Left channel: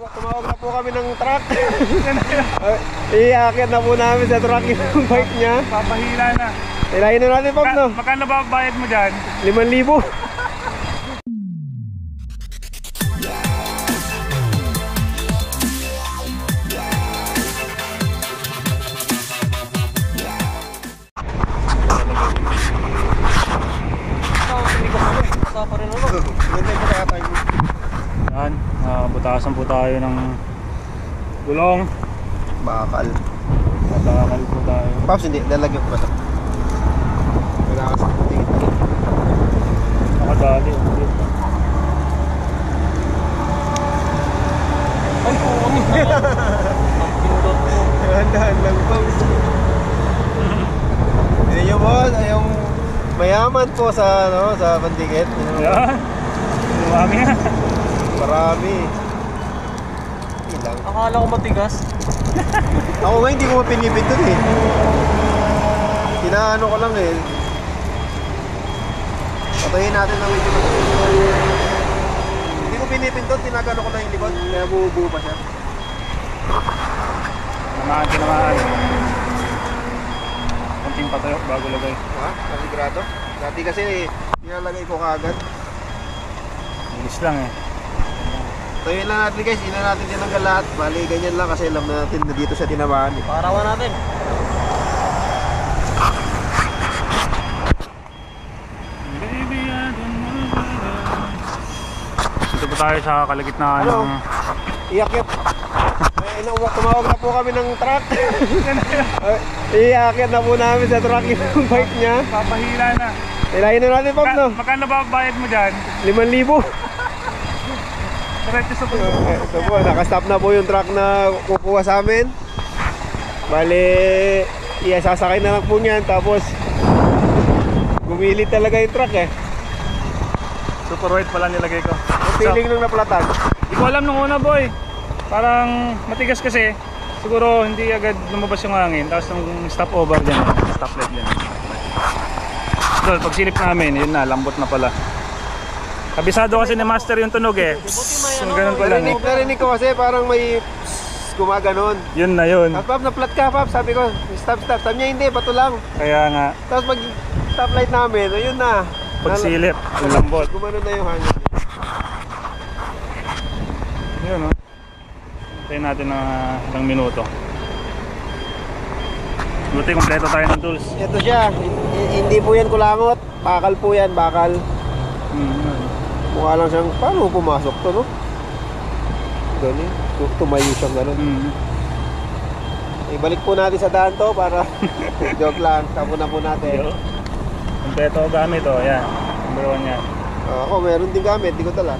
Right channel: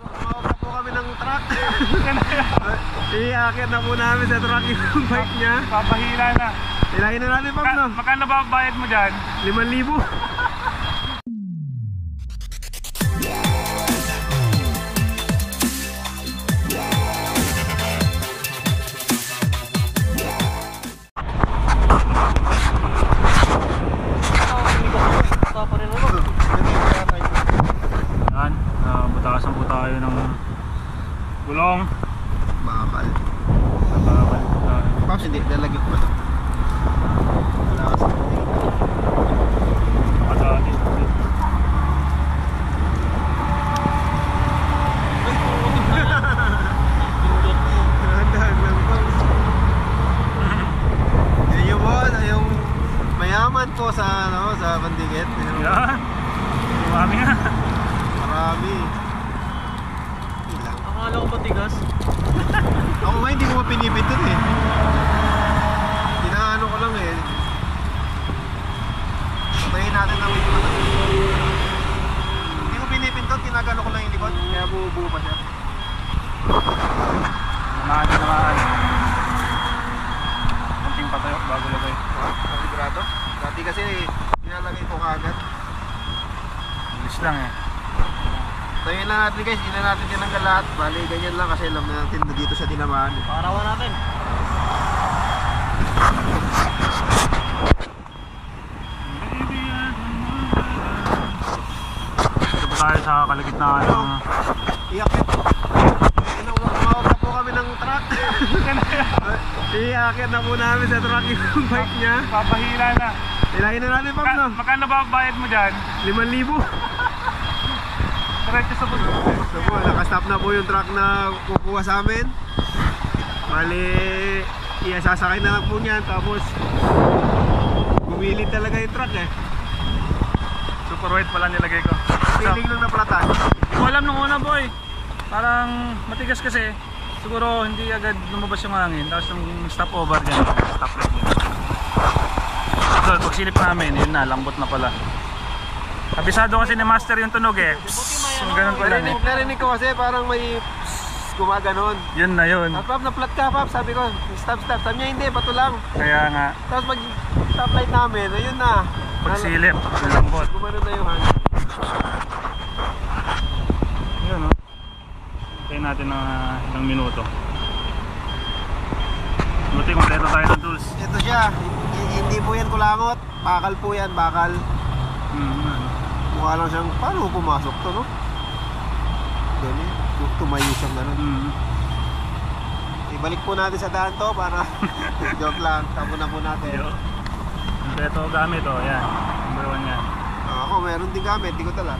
Tumawag na po kami ng truck. Iakit na po namin sa truck yung bike niya. Papahila na. Ilayin na natin, Pop, no? Magkano ba bayad mo dyan? 5,000. Yan, butasan po tayo ng gulong. Bakal. Bakal po tayo. Pops, hindi. Lalagyan ko ba ito? Kailangan sa puting ito. Nakadali. Ay, po kami. Pindot mo. Dahan lang, Pops. Yan yung boss. Ay, yung mayaman po sa, ano, sa Bandikit. Yan. Marami nga. Marami. Ilang. Akala ko matigas. Ako nga hindi ko pinipindot eh. Tinaano ko lang eh. Patayin natin ng medyo matagal. Hindi ko pinipindot, tinagano ko lang yung likod. Kaya buo-buo pa siya. Naman. Konting patayo bago lagay. Ha? Sigurado? Dati kasi pinalagay ko kaagad. Bilis lang eh. Tayin lang natin guys, hindi na natin tinanggal lahat. Bali ganyan lang kasi alam natin na dito siya tinamaan eh. Parawan natin. Baby, I don't know better. Dito po tayo sa kalagitnaan Ano? ng... Iakit. Tumawag na po kami ng truck. Iakit na po namin sa truck yung bike niya. Papahila na. Ilayin na natin, Pop, no? Magkano ba bayad mo dyan? 5,000. Diretso sa puso. Ito po, nakastop na po yung truck na kukuha sa amin. Bale, sasakay na lang po niyan. Tapos, bumili talaga yung truck eh. Super white pala nilagay ko. Ang feeling nung naplatan. Hindi ko alam nung una, boy. Parang matigas kasi. Siguro hindi agad lumabas yung hangin. Tapos nung stop over dyan, stoplight dyan. So, pag silip namin, yun na, lambot na pala. Kabisado kasi ni Master yung tunog eh. So, ganun ko lang eh. Narinig ko kasi parang may gumaganon. Yun na yun. Tapos Pop, na-flat ka, Pop. Sabi ko, stop. Sabi niya, hindi, bato lang. Kaya nga, Tapos pag stoplight namin, ayun na. pag silip, lambot. Gumanon na yung hangin. Yun o. Hintayin natin ng ilang minuto. Buti kompleto tayo ng tools. Ito siya. Hindi po yan kulangot. Bakal po yan, bakal. Mukha lang siyang, paano pumasok to, no? Ganyan. Tumayo siyang gano'n. Ibalik po natin sa daan to para joke lang. Tapo na po natin. Kompleto gamit o. Yan. Number 1 yan. Ako meron din gamit, di ko tala.